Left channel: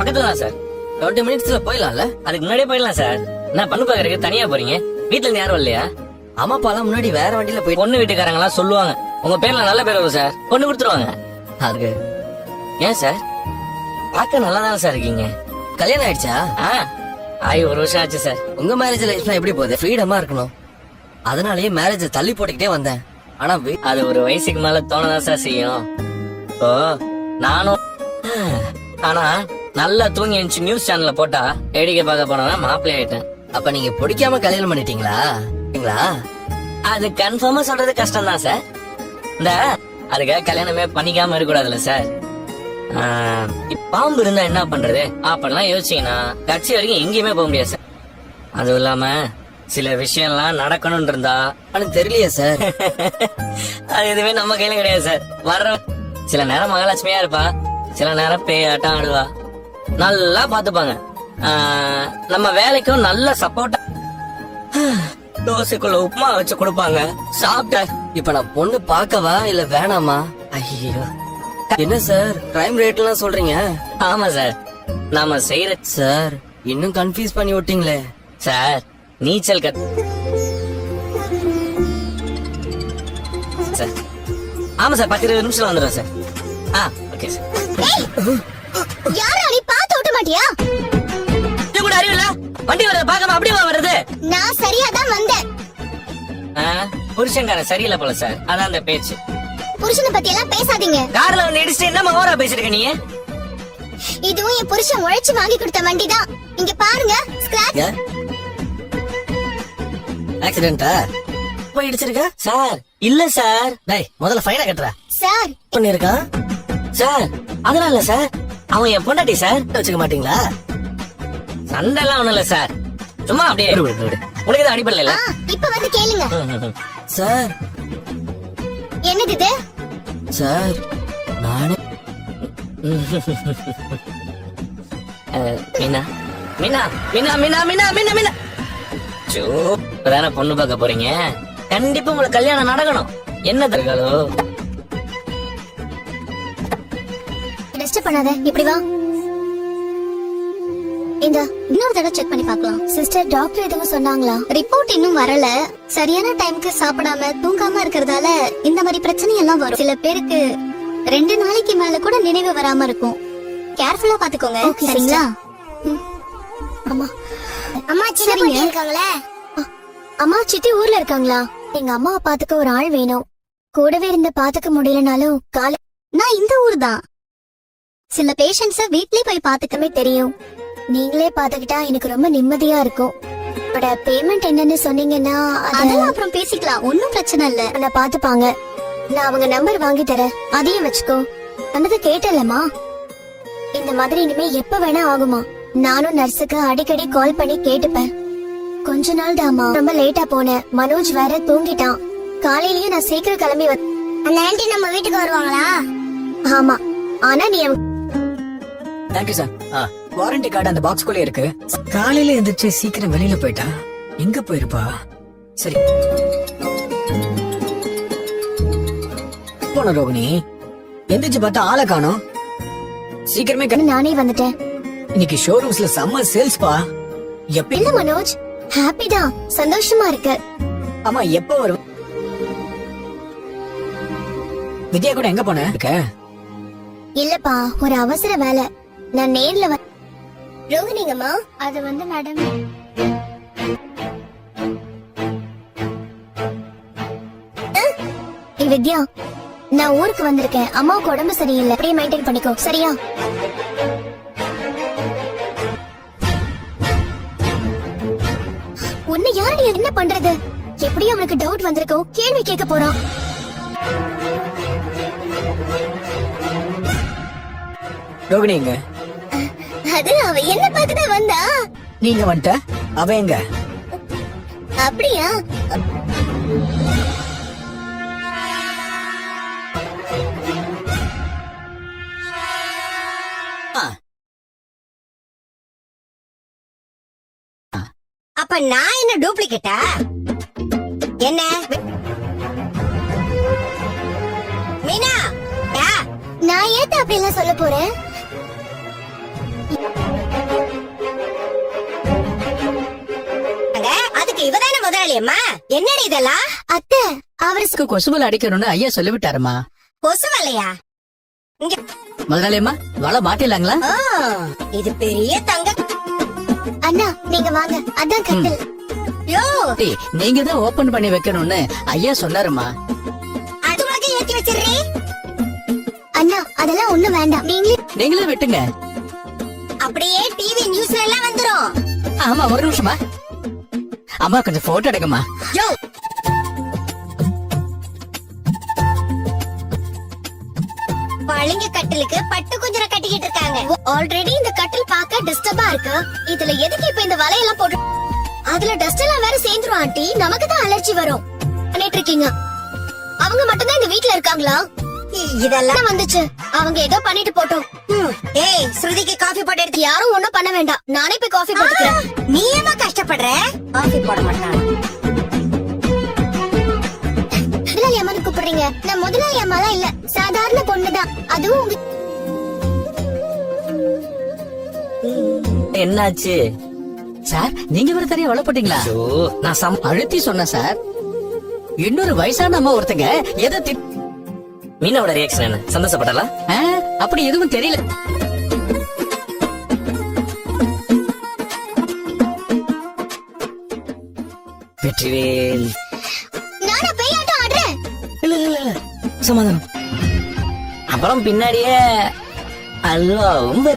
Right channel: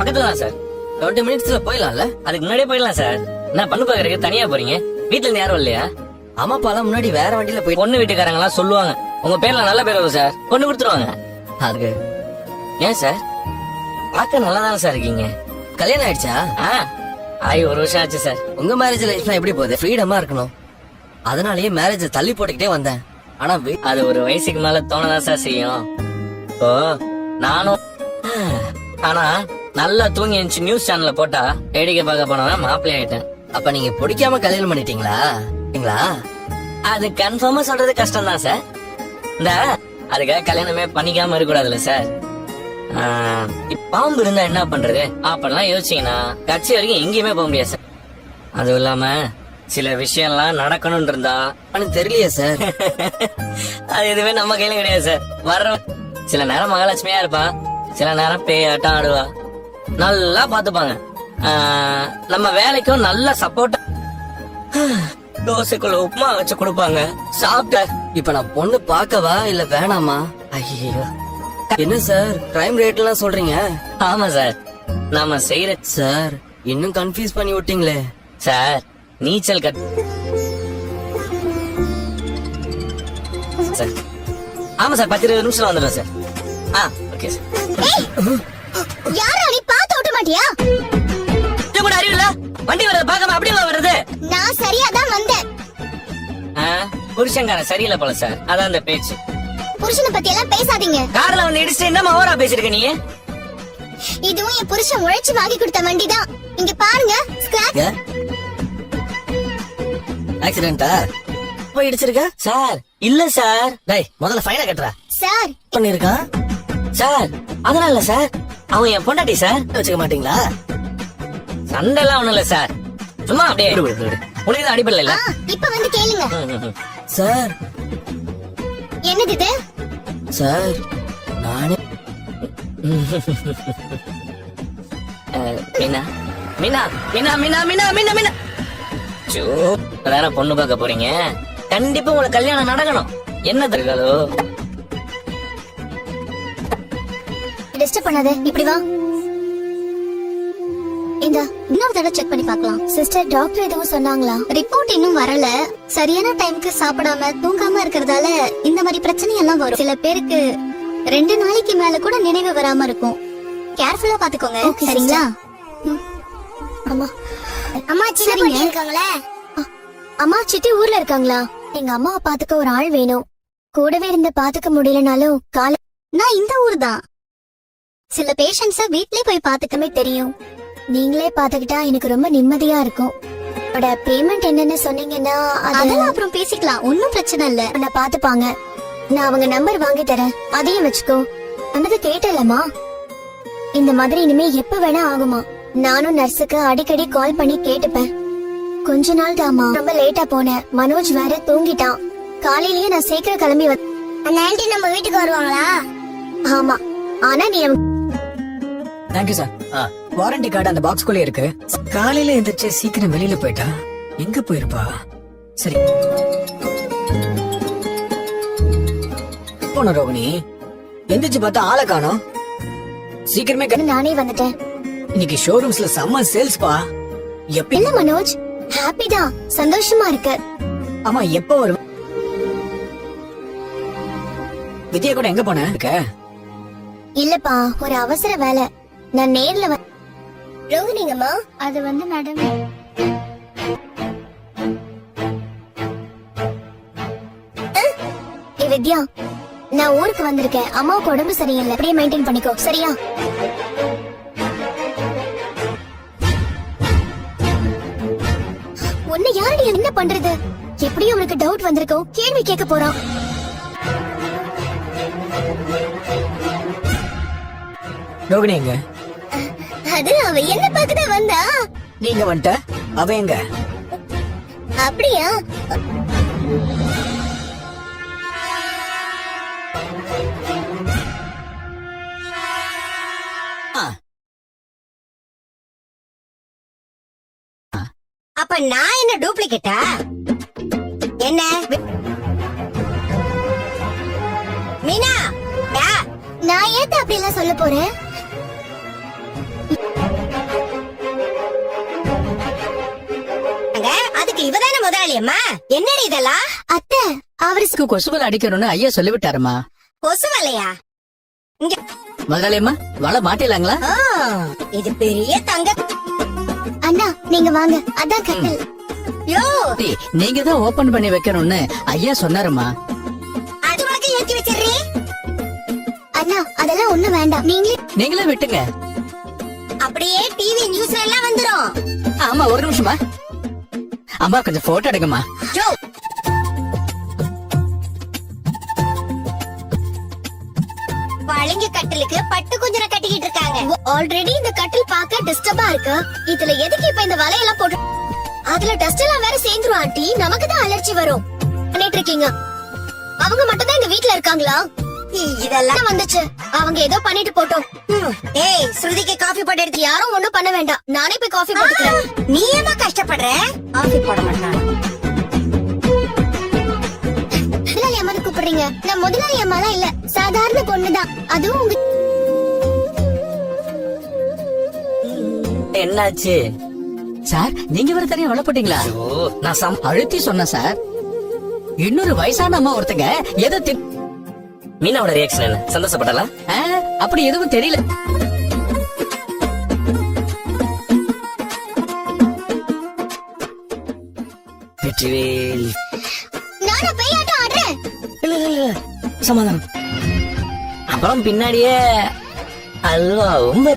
பக்கத்துல தான் சார். 20 மினிட்ஸ்ல போயிடலாம்ல? அதுக்கு முன்னாடியே போயிடலாம் சார். என்ன பண்ணு பாக்குறதுக்கு தனியா போறீங்க? வீட்டுல இருந்து யாரும் இல்லையா? அம்மா அப்பாலாம் முன்னாடி வேற வண்டியில போய் பொண்ணு வீட்டுக்காரங்க எல்லாம் சொல்லுவாங்க உங்க பேர்ல நல்ல பேர் வரும் சார், பொண்ணு கொடுத்துருவாங்க. அதுக்கு ஏன் சார்? பார்க்க நல்லா தானே சார் இருக்கீங்க. கல்யாணம் ஆயிடுச்சா? ஆயி 1 வருஷம் ஆச்சு சார். உங்க மேரேஜ் லைஃப்லாம் எப்படி போகுது? ஃப்ரீடமா இருக்கணும், அதனாலயே மேரேஜ் தள்ளி போட்டுக்கிட்டே வந்தேன். ஆனா அது ஒரு வயசுக்கு மேல தோணதான் சார் செய்யும். இப்போ நானும் ஆனா நல்லா தூங்கி எழுந்துச்சு நியூஸ் சேனல்ல போட்டா வேடிக்கை பார்க்க போனவன் மாப்பிள்ளை ஆயிட்டேன். அப்ப நீங்க பிடிக்காம கல்யாணம் பண்ணிட்டீங்களா? அது கன்ஃபார்மா சொல்றது கஷ்டம் தான் சார். இந்த அதுக்காக கல்யாணமே பண்ணிக்காம இருக்கக்கூடாதுல்ல சார். பாம்பு இருந்தா என்ன பண்றது அப்படிலாம் யோசிச்சீங்கன்னா கட்சி வரைக்கும் எங்கேயுமே போக முடியாது சார். அதுவும் இல்லாம சில விஷயம்லாம் நடக்கணும்னு இருந்தா எனக்கு தெரியலையே சார். அது எதுவுமே நம்ம கையில கிடையாது சார். வர்ற சில நேரம் மகாலட்சுமியா இருப்பா, சில நேரம் பேயாட்டம் ஆடுவா. நல்லா பாத்துப்பாங்க. நம்ம வேலைக்கும் நல்ல சப்போர்ட். தோசைக்குள்ள உப்புமா வச்சு கொடுப்பாங்க, சாப்பிட்ட. இப்ப நான் பொண்ணு பாக்கவா இல்ல வேணாமா? ஐயோ, என்ன சார் கிரைம் ரேட் எல்லாம் சொல்றீங்க? ஆமா சார், நாம செய்யற சார் இன்னும் கன்ஃபியூஸ் பண்ணி விட்டீங்களே சார். நீச்சல் சார். ஆமா சார், 10-20 நிமிஷம் வந்துடும் சார். Okay sir. யாரா நீ பாத்து ஓட்ட மாட்டியா? கூட அறிவு இல்ல, வண்டி வரத பார்க்காம அப்படியே வருது. நான் சரியா தான் வந்தேன். புருஷன்கார சரியில்லை போல சார், அதான் அந்த பேச்சு. புருஷனை பத்தி எல்லாம் பேசாதீங்க. கார்ல வந்து இடிச்சு என்ன ஓவரா பேசிருக்க நீ? இதுவும் என் புருஷன் உழைச்சு வாங்கி கொடுத்த வண்டி தான். இங்க பாருங்க, ஸ்கிராட்ச். ஆக்சிடென்ட்டா? போய் இடிச்சிருக்க சார்? இல்ல சார். டேய் முதல்ல ஃபைனை கட்டுறா. சார் பண்ணிருக்கான் சார். அதனால இல்ல சார், அவன் என் பொண்டாட்டி சார். வச்சுக்க மாட்டீங்களா? சண்டை எல்லாம் ஒண்ணும் இல்ல சார், சும்மா அப்படியே உங்களுக்கு தான் அடிப்படல இல்ல. இப்ப வந்து கேளுங்க சார். என்னது இது? சார் நானே மீனா மீனா மீனா மீனா மீனா மீனா மீனா இப்பதானே பொண்ணு பார்க்க போறீங்க, கண்டிப்பா உங்களுக்கு கல்யாணம் நடக்கணும். என்ன தருகாலோ? டிஸ்டர்ப் பண்ணாத, இப்படி வா. இந்த இன்னொரு தடவை செக் பண்ணி பார்க்கலாம். சிஸ்டர், டாக்டர் எதுவும் சொன்னாங்களா? ரிப்போர்ட் இன்னும் வரல. சரியான டைம்க்கு சாப்பிடாம தூங்காம இருக்கறதால இந்த மாதிரி பிரச்சனை எல்லாம் வரும். சில பேருக்கு 2 நாளைக்கு மேல கூட நினைவு வராம இருக்கும். கேர்ஃபுல்லா பாத்துக்கோங்க, சரிங்களா? அம்மா அம்மா சித்தி இருக்காங்களே. அம்மா சித்தி ஊர்ல இருக்காங்களா? எங்க அம்மாவை பாத்துக்க ஒரு ஆள் வேணும். கூடவே இருந்து பாத்துக்க முடியலனாலும் நான் இந்த ஊர் தான். சில பேஷண்ட்ஸ் வீட்லயே போய் பாத்துக்கவே தெரியும். நீங்களே பாத்துக்கிட்டா எனக்கு ரொம்ப நிம்மதியா இருக்கும். பேமெண்ட் என்னன்னு சொன்னீங்கன்னா அதெல்லாம் அப்புறம் பேசிக்கலாம், ஒன்னும் பிரச்சனை இல்ல. நான் பாத்துப்பாங்க. நான் அவங்க நம்பர் வாங்கி தரேன், அதையும் வச்சுக்கோ. அன்னைக்கு கேட்டலமா, இந்த மாதிரி இனிமே எப்ப வேணா ஆகுமா? நானும் நர்ஸுக்கு அடிக்கடி கால் பண்ணி கேட்டுப்பேன். கொஞ்ச நாள் தாமா, ரொம்ப லேட்டா போனேன். மனோஜ் வேற தூங்கிட்டான். காலையிலயே நான் சீக்கிரம் கிளம்பி அந்த ஆன்ட்டி நம்ம வீட்டுக்கு வருவாங்களா? ஆமா, ஆனா நீ தேங்க்யூ சார். வாரண்டி கார்டு அந்த பாக்ஸ்குள்ளே இருக்கு. காலையில எந்திரிச்சு சீக்கிரம் வெளியில போயிட்டா எங்க போயிருப்பா? சரி போன ரோகிணி, எந்திரிச்சு பார்த்தா ஆளை காணோம். சீக்கிரமே நானே வந்துட்டேன். இன்னைக்கு ஷோரூம்ஸ்ல செம்ம சேல்ஸ் பா. இல்ல மனோஜ், ஹாப்பி தான், சந்தோஷமா இருக்கு. ஆமா, எப்ப வரும்? வித்யா கூட எங்க போன? இல்லப்பா, ஒரு அவசர வேலை, நான் நேர்ல ரோகிணிங்கம்மா, அது வந்து நடந்து வித்யா, நான் ஊருக்கு வந்திருக்கேன். அம்மாவுக்கு உடம்பு சரியில்லை, அப்படியே மெயின்டைன் பண்ணிக்கோ, சரியா? உன்னை யாரு நீ என்ன பண்றது? எப்படியும் அவனுக்கு டவுட் வந்திருக்கோம், கேள்வி கேட்க போறான். ரோகிணி எங்க? அது அவ என்ன பார்க்கதா வந்தா. நீங்க வந்துட்ட, அவ எங்க? அப்படியா? அப்ப நான் என்ன டூப்ளிகேட்டா? என்ன மீனா, நான் ஏன் அப்படி எல்லாம் சொல்ல போறேன்? முதலாளியம்மா என்னடி இதெல்லாம்? அத்தை அவரு கொசுவல் அடிக்கணும்னு ஐயா சொல்லிவிட்டாருமா. கொசு வலையா? இங்க முதலாளியம்மா வலை மாட்டிடலாங்களா? ஆ, இது பெரிய தங்க. அண்ணா நீங்க வாங்க, அதான் கட்டல். யோ, நீங்க தான் ஓபன் பண்ணி வைக்கணும்னு ஐயா சொன்னாருமா. அது உனக்கு ஏத்தி வச்சிடுறீ. அண்ணா அதெல்லாம் ஒண்ணு வேண்டாம், நீங்களே விட்டுங்க. அப்படியே டிவி நியூஸ்ல எல்லாம் வந்துரும். ஆமா ஒரு நிமிஷமா. அம்மா கொஞ்சம் போட்டோ எடுங்கம்மா. யோ, பளிங்கு கட்டிலுக்கு பட்டு குஞ்சர கட்டிக்கிட்டு இருக்காங்க. ஆல்ரெடி இந்த கட்டில் பார்க்க டிஸ்டர்பா இருக்கு. இதுல எதுக்கு இப்ப இந்த வலையெல்லாம் போட்டு? அதுல டஸ்ட் எல்லாம் வேற சேர்ந்துரும் ஆண்டி, நமக்கு தான் அலர்ஜி வரும். பண்ணிட்டு இருக்கீங்க. அவங்க மட்டும் தான் இந்த வீட்ல இருக்காங்களா? இதெல்லாம் வந்துச்சு, அவங்க ஏதோ பண்ணிட்டு போட்டோம். ஏய், ஸ்ருதிக்கு காஃபி போட்டு எடுத்து. யாரும் ஒண்ணும் பண்ண வேண்டாம், நானே போய் காஃபி போட்டுக்கிறேன். நீ ஏமா கஷ்டப்படுற? காஃபி போட மாட்டாங்க. முதலாளி அம்மான்னு கூப்பிடுறீங்க? நான் முதலாளி அம்மாலாம் இல்ல, சாதாரண பொண்ணுதான். அதுவும் உங்க என்னாச்சு? சார் நீங்க வேற தனியா வலை போட்டீங்களா? ஐயோ, நான் அழுத்தி சொன்னேன் சார். இன்னொரு வயசான அம்மா ஒருத்தங்க எதை மீனாவோட ரியாக்ஷன் என்ன? சந்தோஷப்பட்டலா? அப்படி எதுவும் தெரியல. வெற்றிவேல். நானும் போய் ஆட்டம் ஆடுறேன். இல்ல சமாதானம். அப்புறம் பின்னாடியே அல்வாவும்